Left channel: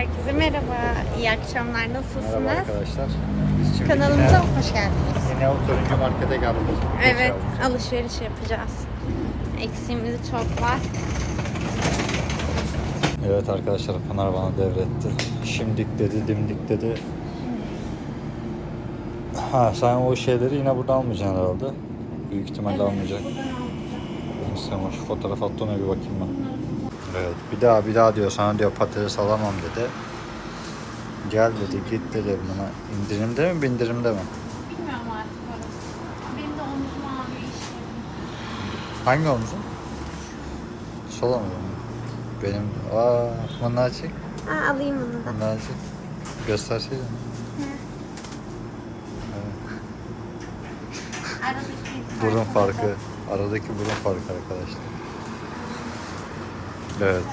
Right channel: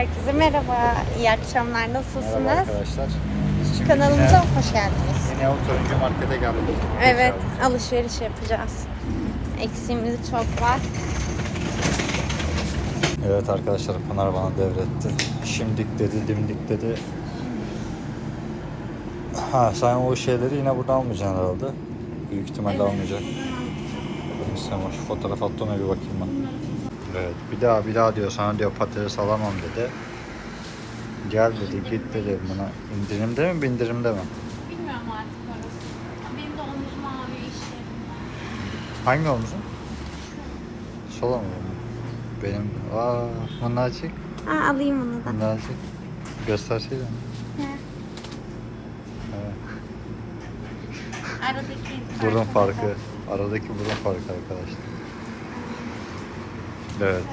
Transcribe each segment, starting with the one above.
Herkese merhaba, iyi akşamlar. Nasılsınız? Merhaba arkadaşlar. Biz Kanalımıza yine, hoş geldiniz. yine o turuncu markete geldik. Evet, alışveriş yapacağız. Eksiğimiz çok var. Evet arkadaşlar Pınar bana devretti. Şimdik dedi, dimdik dedi. Ha sen o şeyleri yine burada almayacaksın herhalde. Büyük ihtimalle almayacak. Sen şu fotoğraf attı ona bir bakayım ben. Evet bir daha bir daha diyor sana diyor patates alamam dedi. Gel dedi git dedi buna. İndirimde mi bindirimde mi? Bilmiyorum artık orası. Benim de omzum ağrıyor. Hangi omuzun? Sol omuzum. Benim aa minnacık. Ha, alayım onu da. Minnacık. Gösterseydin. Hı. Evet. Aradaki Burun farkı. farkı. Aradaki burun farkı arkadaşlar. Evet.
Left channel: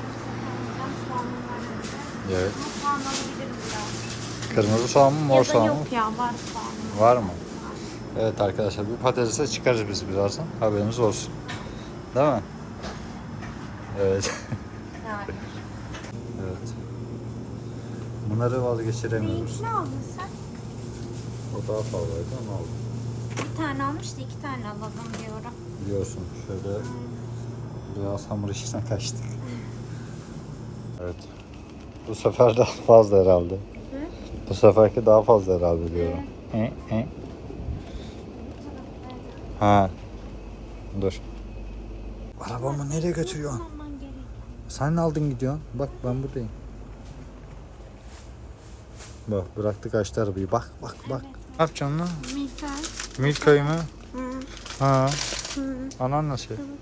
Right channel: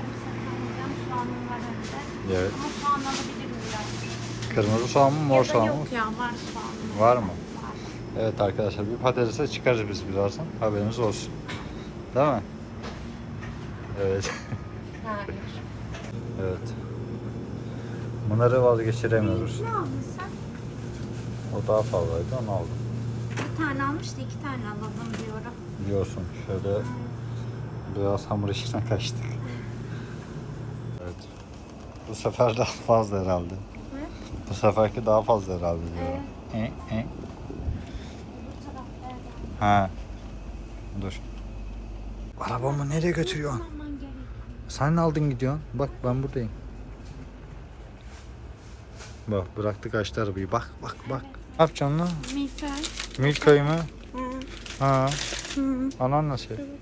Evet. Ama soğan alabilirim biraz. Kırmızı soğan mı mor Ya da soğan mı? Yok ya var soğanım. Var mı? Var. Evet arkadaşlar bir patatese çıkarız biz birazdan. Haberiniz olsun. Değil mi? Evet. Yani. evet. Bunları vazgeçiremiyoruz. Ne aldın sen? O daha fazlaydı onu aldım. Bir tane almıştı iki tane alalım diyorum. Biliyorsun şöyle biraz hamur işine kaçtık. Evet. Bu sefer daha fazla herhalde. Bu seferki daha fazla herhalde diyorum. Hı, hı. Ha. Dur. Arabamı nereye götürüyorsun? Sen ne aldın gidiyorsun? Bak ben buradayım. Bak bıraktık açtı arabayı. Bak bak bak. Ne yapacaksın lan? Misal. Milka'yı mı? Hı. Ha. Hı. Anan nasıl? Dur bakayım.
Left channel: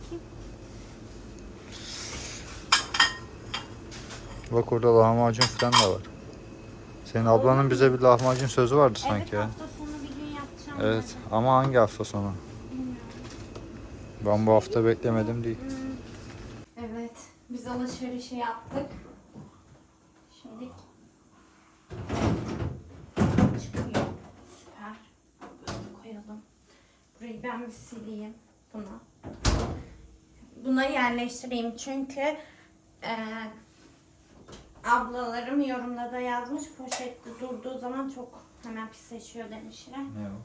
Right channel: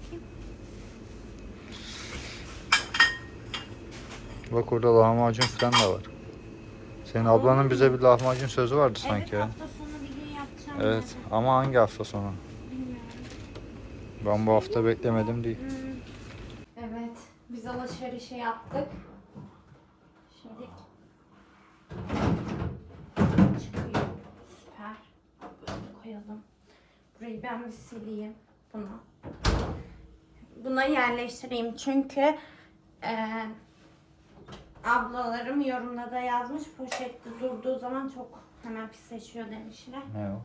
Bak orada lahmacun falan da var. Senin ablanın bize bir lahmacun sözü vardı sanki. Evet hafta sonu bir gün yapacağım. Evet ama hangi hafta sonu? Bilmiyorum. Ben bu hafta beklemedim değil. Evet, biz alışverişi yaptık. Şimdi çıkıyor. Süper. Böyle koyalım. Burayı ben bir sileyim. Bunu. Buna yerleştireyim çünkü eee ablalarım yorumda da yazmış poşette durduğu zaman çok hemen pisleşiyor demişler. Ne o?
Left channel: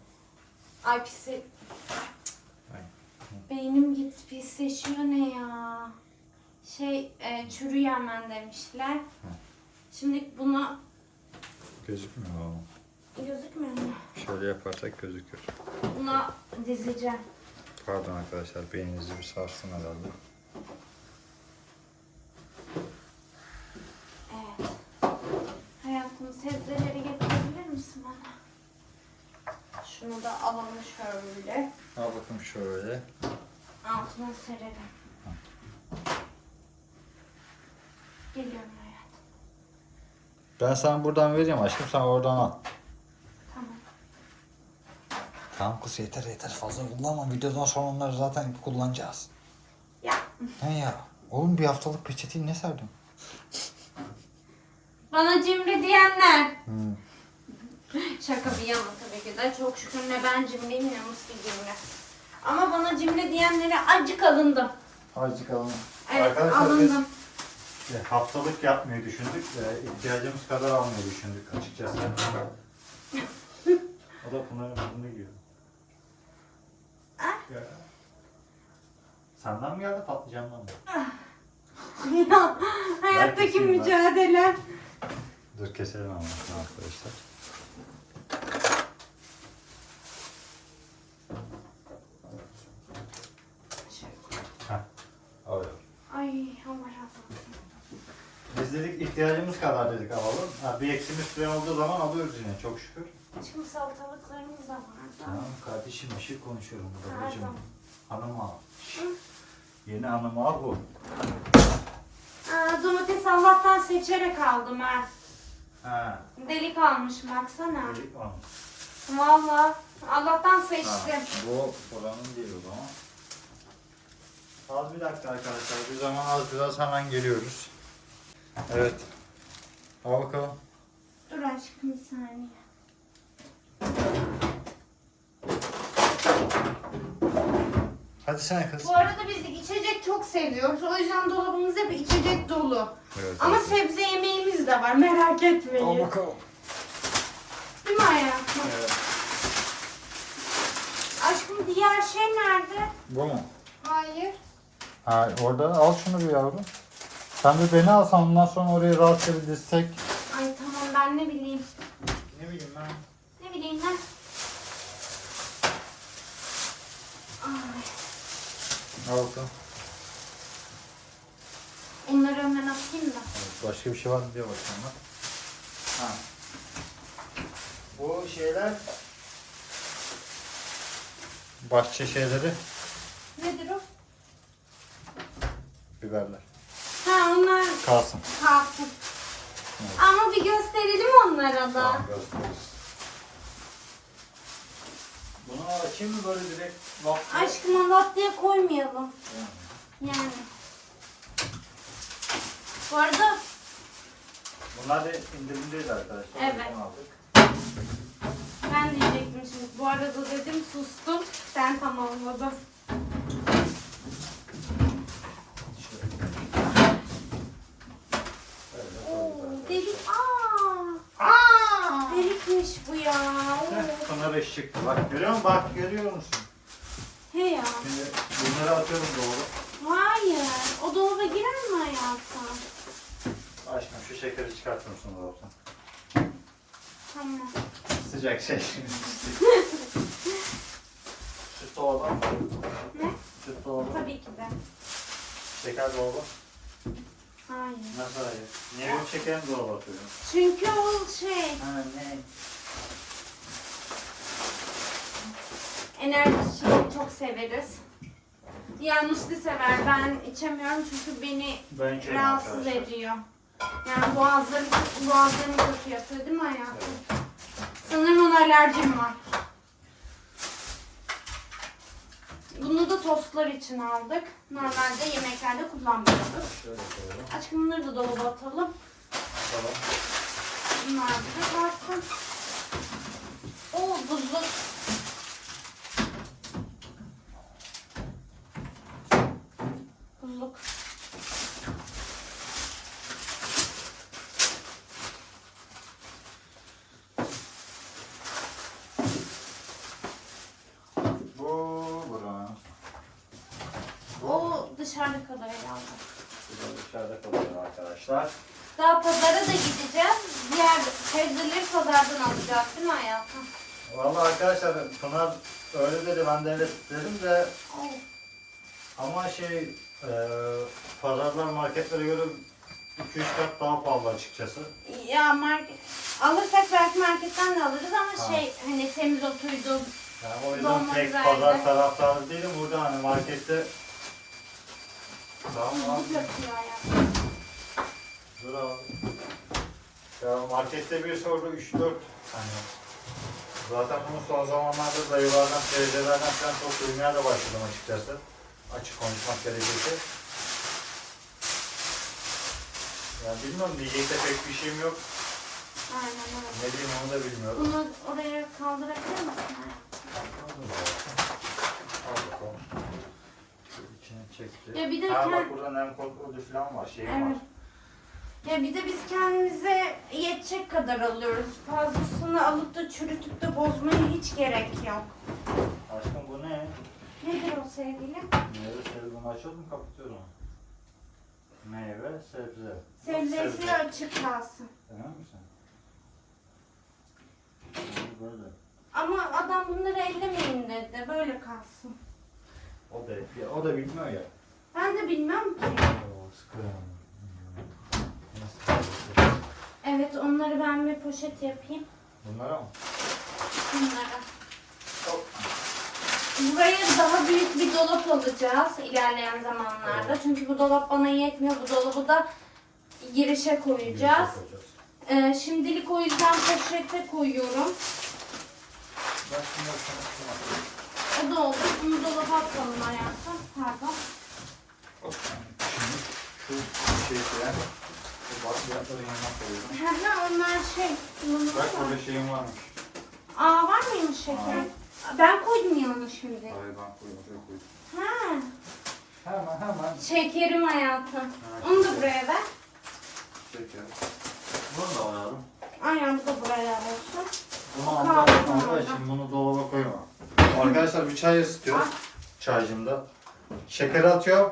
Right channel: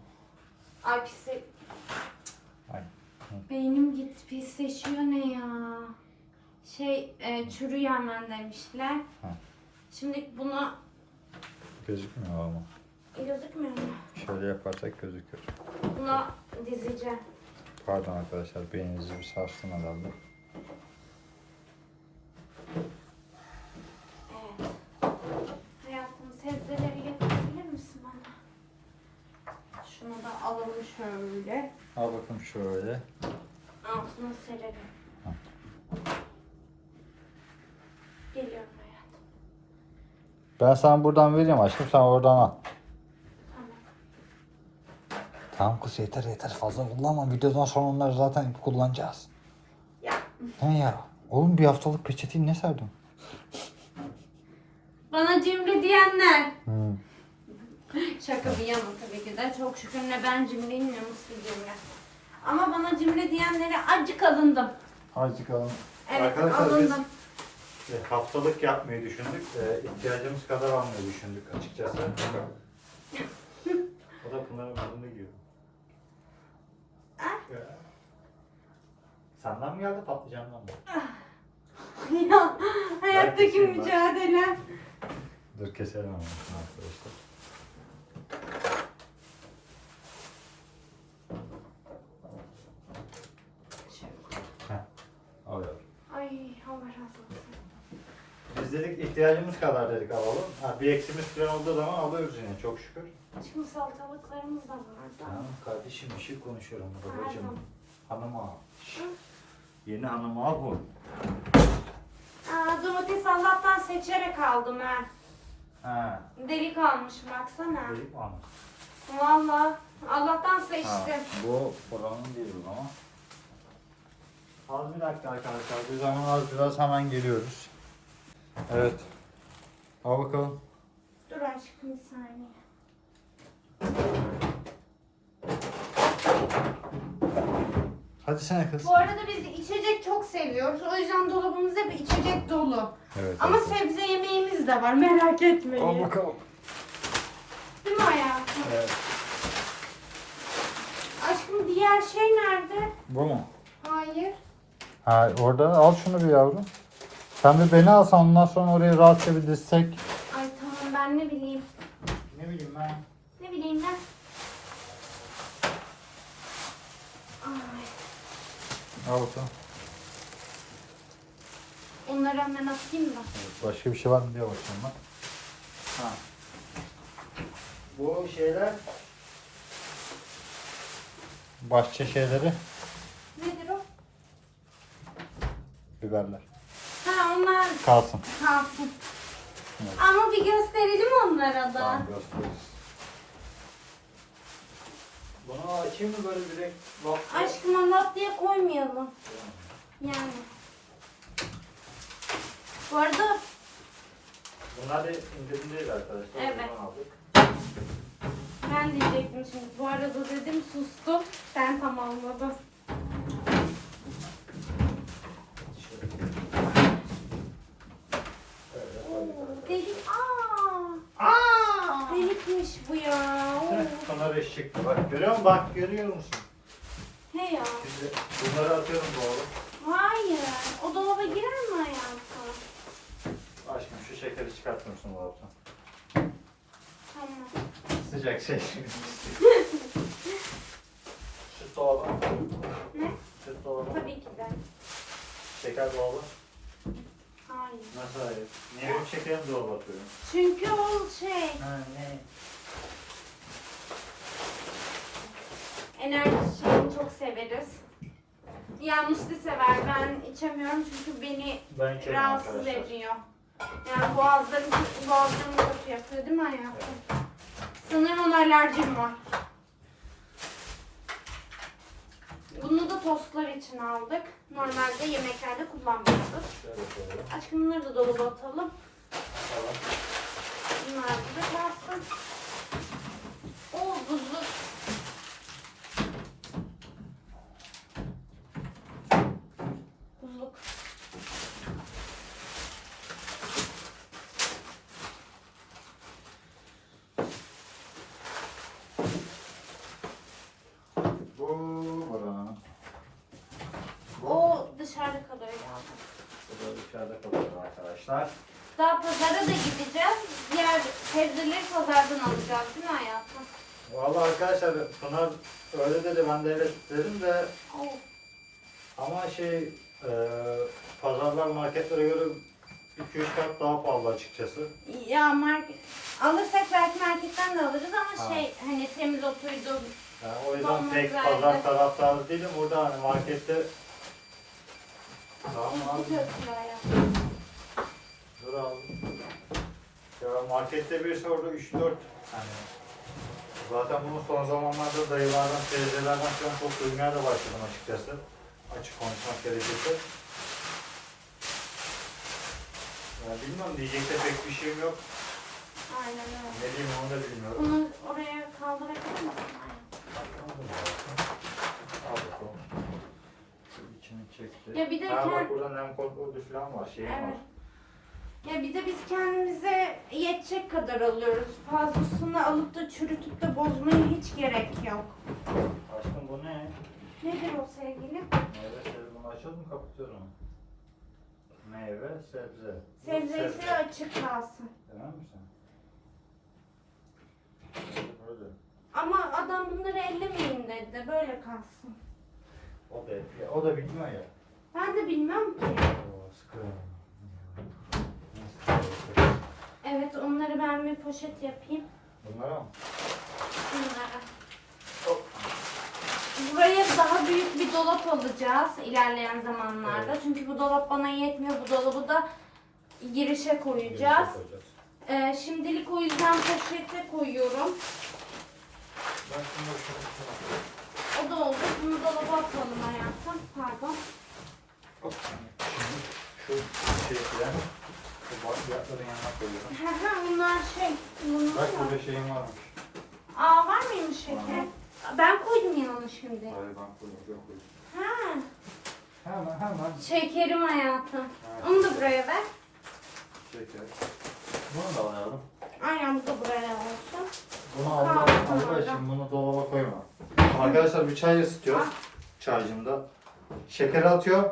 Ay pisse... Ay. Beynim gitti pisleşiyor ne ya? Şey e, çürü hemen demişler. Ha. Şimdi bunu Gözükmüyor ama. gözükmüyor mu? Şöyle yaparsak gözükür. Buna dizeceğim. Pardon arkadaşlar beyninizi bir sarsın herhalde. Şunu da alalım şöyle. Al bakayım şöyle. Altına serelim. Geliyorum hayatım. Ben sana buradan vereyim aşkım sen oradan al. Tamam. Tamam kız yeter yeter fazla kullanma. Videodan sonra onları zaten kullanacağız. Ya He ya. Oğlum bir haftalık peçeteyi ne serdin? bana cimri diyenler. Hmm. Şaka bir yana tabii ki de. Çok şükür ne ben cimriyim ne Musti cimri. Ama bana cimri diyenlere acık alındım. Azıcık alın. Evet Arkadaşlar alındım. biz e, haftalık yapmayı düşündük. E, ihtiyacımız kadar almayı düşündük açıkçası. o da Pınar bunu giyiyor. Ah. Ya. Senden mi geldi patlıcandan mı? Ya, hayattaki mücadele. Dur keselim ama arkadaşlar. Heh. Öyle. Ay Allah razı olsun. Biz dedik ihtiyacımız kadar dedik alalım. Ha, bir eksimiz falan olduğu zaman alıyoruz yine çok şükür. Şimdi salatalıklarımız da var. Tamam kardeşim bir şey konuşuyorum Pardon. babacığım. Hanıma. Şş. Yeni hanıma bu. Aa, domates Allah'tan seçerek aldım ben. Ha. Delik almış baksana. dedik almış. Valla Allah'tan Ha, seçtim. bu buranın değil o zaman. Az bir dakika arkadaşlar. Bir zaman az biraz hemen geliyoruz. Evet. Al bakalım. Dur aşkım bir saniye. Hadi sen kız. Bu arada biz içecek çok seviyoruz. O yüzden dolabımız hep içecek dolu. Evet. Ama evet. sebze yemeğimiz de var merak etmeyin. bakalım. Değil mi hayatım? Evet. Aşkım diğer şey nerede? Bu mu? Hayır. Ha, oradan al şunu bir yavrum. Sen de beni alsan ondan sonra oraya rahatça bir dizsek. Ay tamam ben ne bileyim. Ne bileyim ben. Ne bileyim ben. Ay, Olsun. onları hemen atayım da. Evet, başka bir şey var mı diye bakıyorum bak. Ha. Bu şeyler bahçe şeyleri Nedir o? biberler. Ha onlar Kalsın. kalsın. Evet. Ama bir gösterelim onlara da. Tamam gösteririz. Bunu açayım mı böyle direkt bak. Aşkım Allah diye koymayalım. Yani. Bu arada Bunlar da indirimdeyiz arkadaşlar. Evet. Ben diyecektim şimdi. Bu arada dedim sustum. Sen tamamladın. Delik. Aa, Aa! delikmiş bu ya. Oo. Sana beş çıktı. Bak görüyor musun? Bak görüyor musun? He ya. Şimdi bunları atıyorum doğru. Hayır. O dolaba girer mi hayatım? Şekeri çıkartır mısın dolaptan? Tamam. Sıcak şey. Süt dolabı. Ne? Süt dolabı. Tabii ki de. Şeker dolabı. Hayır. Nasıl hayır? Niye benim şekerim dolaba atıyorum? Çünkü o şey Ha ne? enerji çok severiz. Ya Musti sever. Ben içemiyorum çünkü beni Ben içerim rahatsız arkadaşlar. ediyor. Yani boğazlarım, boğazlarım kötü yapıyor değil mi hayatım? Sanırım ona alerjim var. Bunu da tostlar için aldık. Normalde yemeklerde koyalım. Aşkım bunları da dolaba atalım. Bunlar da kalsın. Buzlu. Buzluk. Bu buranın. O dışarıda kalıyor yani. Bu da dışarıda kalıyor arkadaşlar. Daha pazara da gideceğiz. Diğer sebzeleri pazardan alacağız değil mi hayatım? Vallahi arkadaşlar Pınar öyle dedi ben de evet dedim de ama şey e, pazarlar marketlere göre 2-3 kat daha pahalı açıkçası. Ya market alırsak belki marketten de alırız ama Tamam. şey hani semizotuydu. Yani o yüzden güzeldi. pazar taraftarı değilim. Burada hani markette Tamam Bu abi. Ya markette bir sordu 3-4 hani Zaten bunu son zamanlarda dayılardan, teyzelerden falan çok duymaya da başladım açıkçası. Açık konuşmak gerekirse. Ya bilmiyorum diyecek de pek bir şeyim yok. Aynen öyle. Ne diyeyim onu da bilmiyorum. Bunu oraya kaldırabilir misin? Al bakalım. Şu içini çekti. Ya bir de ha, kend- burada nem kontrolü falan var. Şey Evet. Ya bir de biz kendimize yetecek kadar alıyoruz. Fazlasını alıp da çürütüp de bozmaya hiç gerek yok. Aşkım bu ne? Nedir o sevgilim? Meyve sebze bunu açalım mı kapatıyorum. Meyve sebze. Sebzesi sebze. açık kalsın. Emin misin? Böyle, Böyle. Ama adam bunları ellemeyin dedi. Böyle kalsın. O da o da bilmiyor ya. Ben de bilmem ki. Oo, sıkı. Nasıl yapıyorsun? Evet onları ben bir poşet yapayım. Bunlara mı? Bunlara. Buraya daha büyük bir dolap alacağız ilerleyen zamanlarda. Çünkü bu dolap bana yetmiyor. Bu dolabı da girişe koyacağız. Koyacağız. Ee, şimdilik o yüzden poşete koyuyorum. O da oldu. Bunu dolaba atalım hayatım. Pardon. Şu şeyi koyalım. Bakliyatları yanına koyuyorum. Onlar şey. Bak burada şeyim varmış. Aa var mıymış şeker? Ben koydum yanına şimdi. Hayır ben koyuyorum. Şöyle koyayım. Ha. Hemen hemen. Şekerim hayatım. Onu da buraya ver. Şeker. Bunu da alalım. Aynen bu da buraya olsun. Bunu Allah, için bunu dolaba koyma. Arkadaşlar bir çay ısıtıyor. Çaycımda. Şeker atıyor.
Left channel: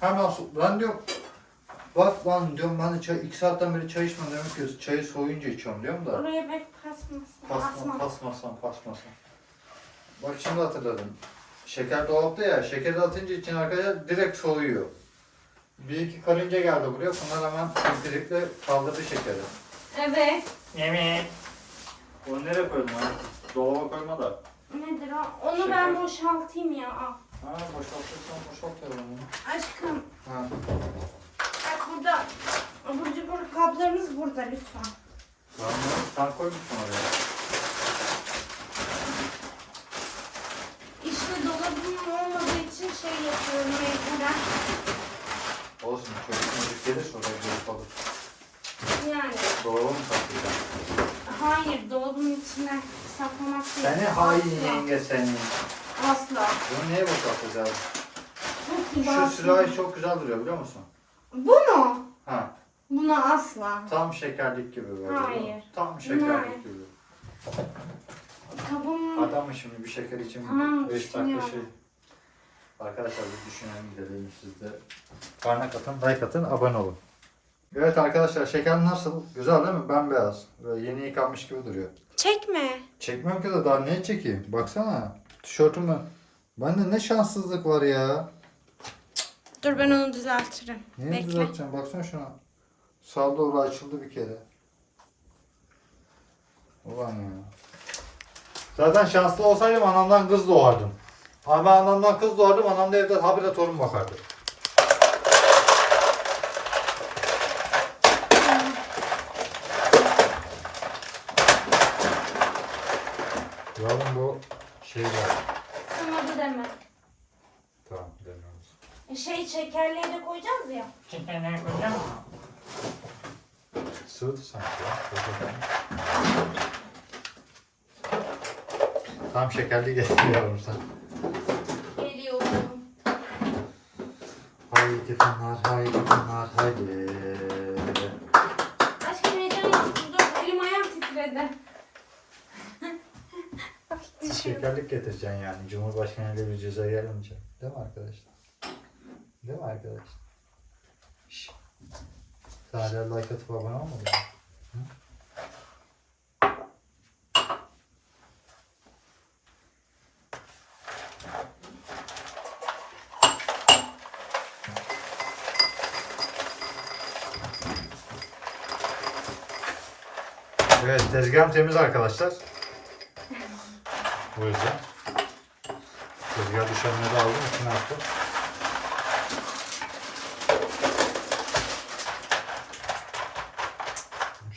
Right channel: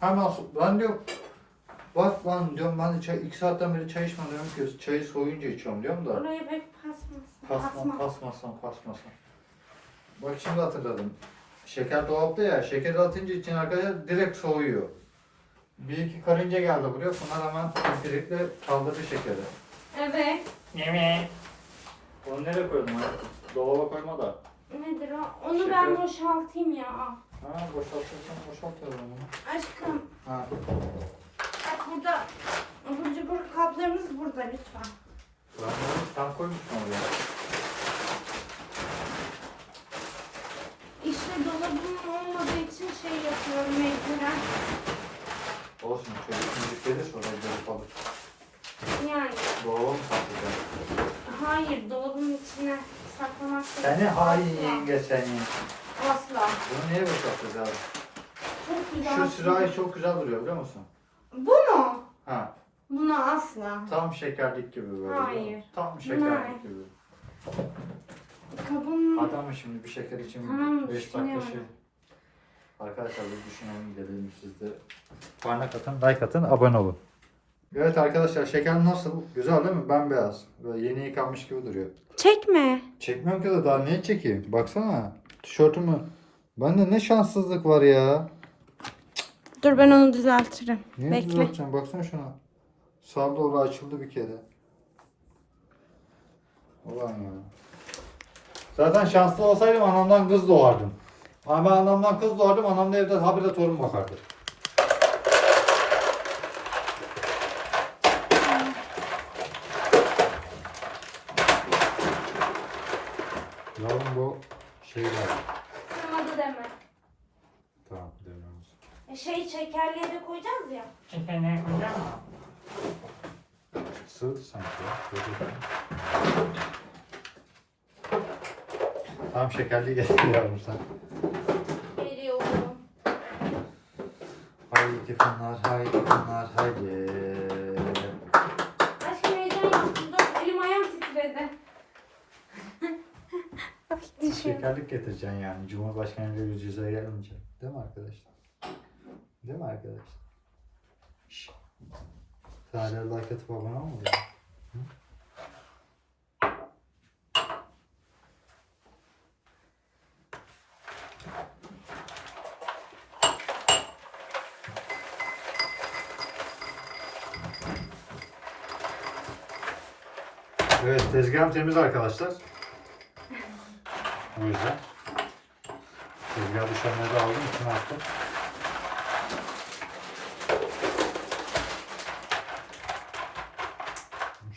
Hemen su. Ben diyor Bak lan diyorum ben de çay, iki saatten beri çay içmem diyorum ki çayı soğuyunca içiyorum diyorum da. Oraya bek pasmasın. Pasma, Pasma. pasmasam, pasmasam. Bak şimdi hatırladım. Şeker dolapta ya, şeker atınca için arkadaşlar direkt soğuyor. Bir iki karınca geldi buraya, bunlar hemen pimpirikle kaldırdı şekeri. Evet. Evet. Onu nereye koydum abi? Dolaba koyma da. Nedir o? Onu Şeker. ben boşaltayım ya. Ha boşaltırsan boşalt ya onu. Aşkım Ha. Burada abur cubur kaplarımız burada lütfen. Tamam sen koymuşsun oraya. İşte dolabım olmadığı için şey yapıyorum mecburen. Olsun şöyle gelir sonra bir yapalım. Yani Dolaba mı saklayacağım? hayır dolabın içine saklamak değil. Seni hain yenge seni. Asla. Bunu niye boşaltacağız? Çok güzel. Şu sürahi çok güzel duruyor biliyor musun? Bu mu? Ha. Buna asla. Tam şekerlik gibi böyle. Hayır. Tam şekerlik gibi. Kabım Adam şimdi bir şeker için Tamam, 5 dakika düşünüyorum. şey. Arkadaşlar bir düşünelim dedim siz de. Parmak atın, like atın, abone olun. Evet arkadaşlar şeker nasıl? Güzel değil mi? Bembeyaz. Böyle yeni yıkanmış gibi duruyor. Çekme. Çekmem ki de daha niye çekeyim? Baksana. Tişörtümü. Bende ne şanssızlık var ya. Dur ben onu düzeltirim. Niye Bekle. düzelteceğim? Baksana şuna. Sağ doğru açıldı bir kere. Ulan ya. Zaten şanslı olsaydım anamdan kız doğardım. Ama anamdan kız doğardım, anam da evde habire torun bakardı. Yavrum bu şeyler. Sana da deme. E, Şey şekerliği de koyacağız ya. Sığdı sanki ya. Tam şekerli getir yavrum sen. Geliyorum. Haydi Pınar, haydi Pınar, haydi. Aşkım heyecanlandım. Dur elim ayağım titredi. Şekerlik getireceksin yani. Cumhurbaşkanı ile bir cüze gelince. Değil mi arkadaşlar? Değil mi arkadaşlar? Sen hala like atıp abone olmadın mı? Evet tezgahım temiz arkadaşlar. O yüzden. Tezgah düşenleri aldım içine attım.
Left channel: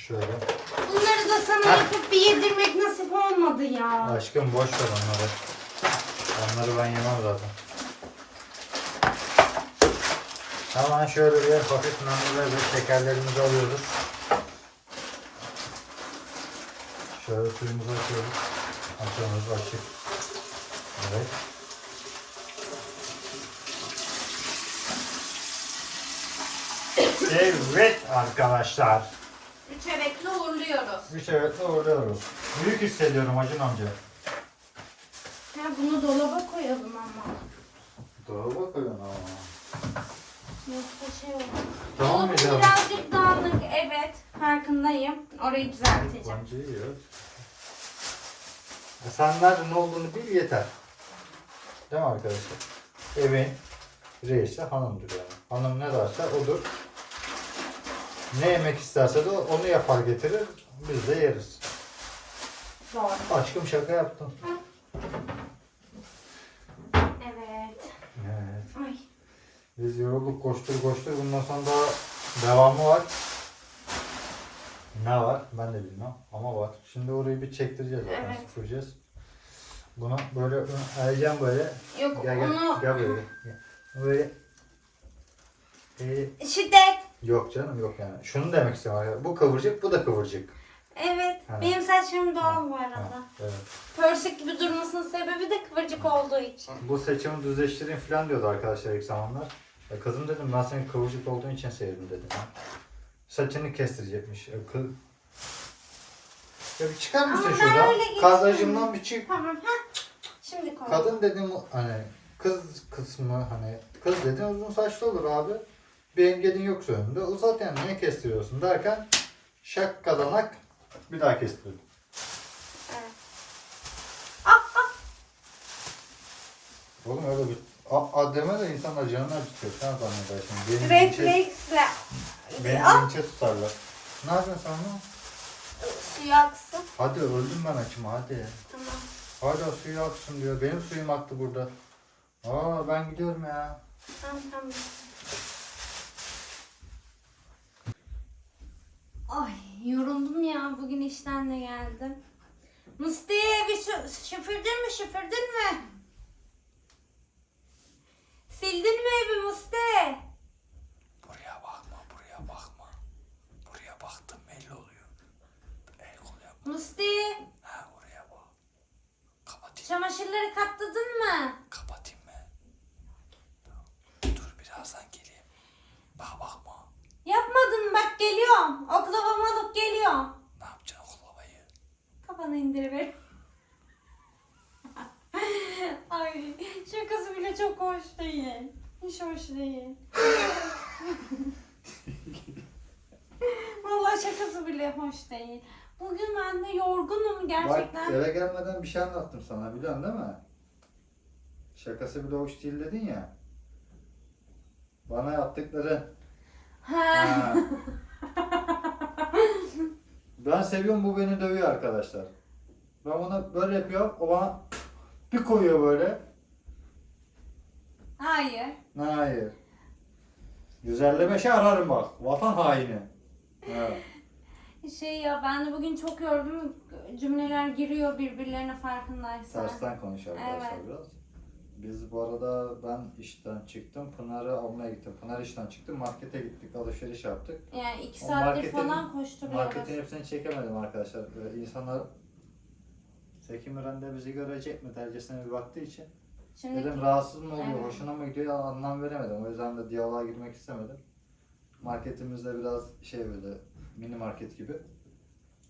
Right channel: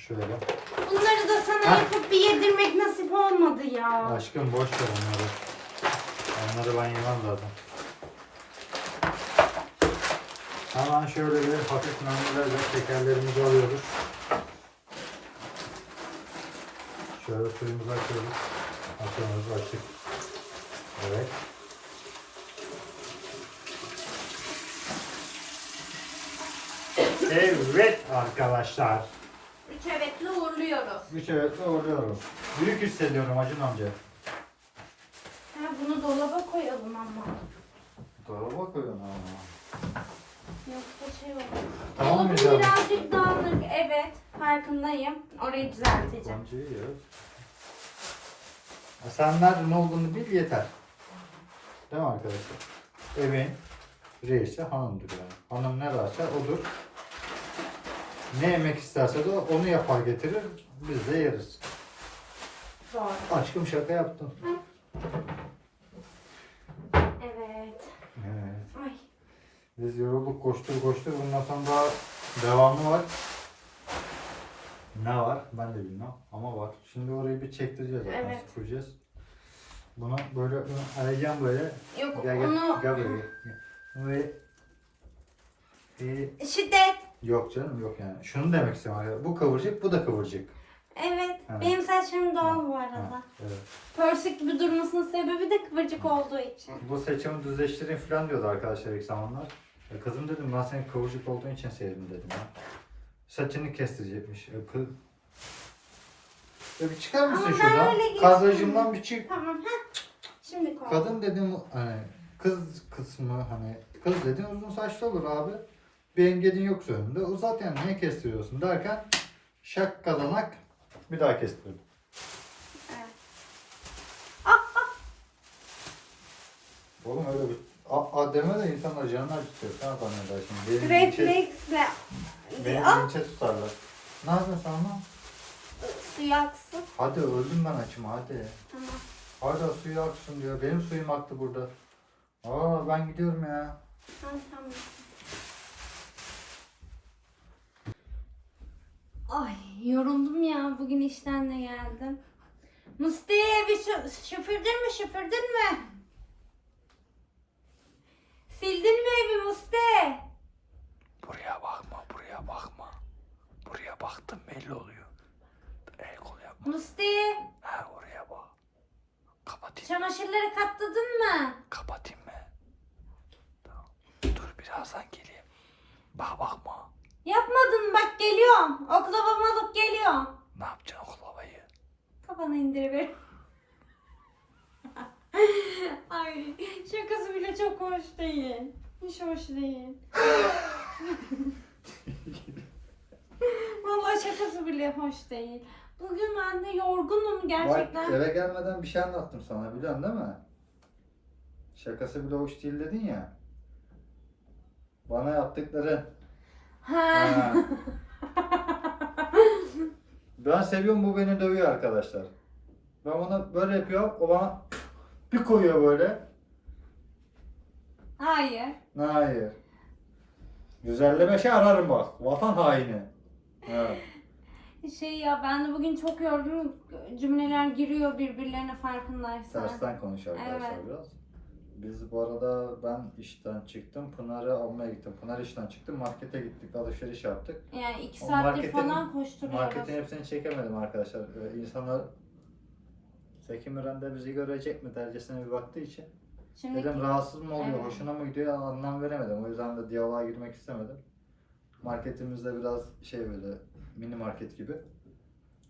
Şöyle. Bunları da sana yapıp bir yedirmek nasip olmadı ya. Aşkım boş ver onları. Onları ben yemem zaten. Hemen şöyle bir hafif naneli ve şekerlerimizi alıyoruz. Şöyle suyumuzu açıyoruz. Açıyoruz açık. Evet. Evet arkadaşlar. Üç evetle uğurluyoruz. Üç evetle uğurluyoruz. Büyük hissediyorum Acun amca. Ha, bunu dolaba koyalım ama. Dolaba koyun ama. Yoksa şey olur. Tamam mı canım? birazcık dağınık evet. Farkındayım. Orayı düzelteceğim. Bancayı ya. E sen nerede ne olduğunu bil yeter. Değil mi arkadaşlar? Evin reisi hanımdır yani. Hanım ne derse odur. Ne yemek isterse de onu yapar getirir. Biz de yeriz. Doğru. Aşkım şaka yaptım. Evet. Evet. Ay. Biz yorulduk koştur koştur. Bundan sonra daha devamı var. Ne var? Ben de bilmem ama var. Şimdi orayı bir çektireceğiz zaten. Evet. Süpüreceğiz. Bunu böyle eğeceğim böyle. Yok Gel gel. onu Gel böyle gel. Böyle. Ee, şiddet. yok canım yok yani. Şunu demek istiyorum. Bu kıvırcık bu da kıvırcık. Evet. Ha. Benim saçlarım doğal bu Ha, arada. evet. Pörsük gibi durmasının sebebi de kıvırcık olduğu için. Bu saçımı düzleştireyim falan diyordu arkadaşlar ilk zamanlar. Ya kızım dedim ben senin kıvırcık olduğun için sevdim dedim ya. saçını kestirecekmiş. Ya, kız... ya bir çıkar mısın Ama ben şuradan? öyle geçtim. Kadrajımdan bir çık. Tamam. Şimdi koy. Kadın dedim hani kız kısmı hani kız dedin uzun saçlı olur abi. Bir engelin yok önünde. Uzat yani niye kestiriyorsun derken şak kazanak bir daha kestirdim. Evet. Oğlum öyle bir a, a deme de insan acığını acıtıyor. Sen zanneder şimdi. Benim linçe, Refleksle. benim linçe tutarlar. Ne yapıyorsun sen lan? Suyu aksın. Hadi öldüm ben açıma hadi. Tamam. Hala suyu aksın diyor. Benim suyum aktı burada. Aa ben gidiyorum ya. Tamam tamam. Ay yoruldum ya. Bugün işten de geldim. Musti bir süpürdün mü süpürdün mü? Sildin mi evi Musti? Buraya bakma, buraya bakma. Buraya baktım belli oluyor. El kol yapma. Musti Ha oraya bak. Kapatayım, çamaşırları katladın mı? Tamam. Dur birazdan geleyim. Bak bakma. Yapmadın bak geliyorum. Oklavamı alıp geliyorum. Ne yapacaksın oklavayı? Kafanı indiriver. Ay şakası bile çok hoş değil. Hiç hoş değil. Vallahi şakası bile hoş değil. Bugün ben de yorgunum gerçekten. Bak eve gelmeden bir şey anlattım sana biliyorsun değil mi? Şakası bile hoş değil dedin ya. Bana yaptıkların. Ha. Ha. ben seviyorum bu beni dövüyor arkadaşlar. Ben ona böyle yapıyorum o bana bir koyuyor böyle. Hayır. Hayır. Güzellemeşe ararım bak. Vatan haini. Evet. Şey ya ben de bugün çok yorgunum. Cümleler giriyor birbirlerine farkındaysan. Tersten konuş arkadaşlar Evet. biraz. Biz bu arada ben işten çıktım. Pınar'ı almaya gittim. Pınar işten çıktı. Markete gittik. Alışveriş yaptık. Yani iki O saattir marketin- falan koşturuyoruz. Marketin hepsini çekemedim arkadaşlar. Ee, insanlar Zeki Müren de bizi görecek mi dercesine bir baktığı için. Şimdi Dedim rahatsız mı oluyor, Evet. hoşuna mı gidiyor anlam veremedim. O yüzden de diyaloğa girmek istemedim. Marketimizde biraz şey böyle mini market gibi.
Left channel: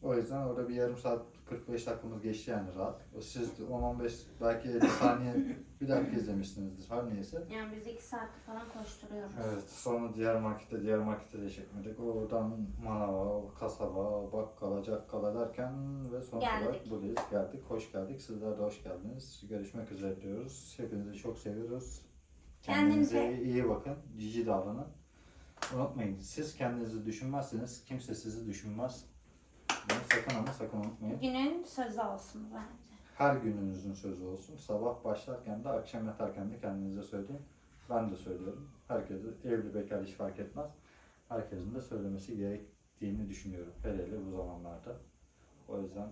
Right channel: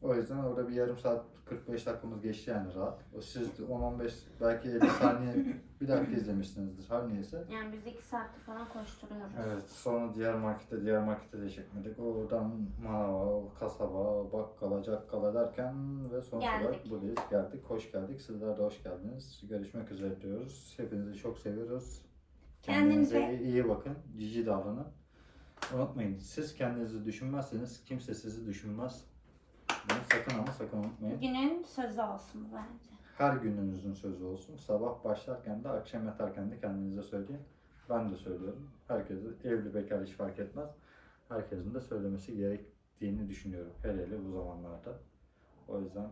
O yüzden orada bir yarım saat 45 dakikamız geçti yani rahat. O Siz de 10-15 belki 50 saniye bir dakika izlemişsinizdir her neyse. yani biz iki saattir falan koşturuyoruz. Evet sonra diğer markette diğer markette de çekmedik. Oradan manava, kasaba, bakkala, cakkala derken ve sonuç Geldik. olarak buradayız. Geldik, hoş geldik. Sizler de hoş geldiniz. Görüşmek üzere diyoruz. Hepinizi çok seviyoruz. Kendinize- Kendinize iyi bakın. Cici davranın. Unutmayın siz kendinizi düşünmezseniz kimse sizi düşünmez. Bunu sakın ama sakın unutmayın. Günün sözü olsun bence. Her gününüzün sözü olsun. Sabah başlarken de akşam yatarken de kendinize söyleyin. Ben de söylüyorum. Herkese evli bekar hiç fark etmez. Herkesin de söylemesi gerektiğini düşünüyorum. Hele hele bu zamanlarda. O yüzden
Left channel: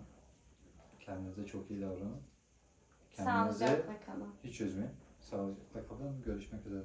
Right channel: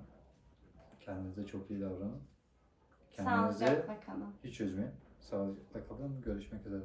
kendinize çok iyi davranın. Kendinizi Sağlıcakla kalın. hiç üzmeyin. Sağlıcakla kalın. Görüşmek üzere.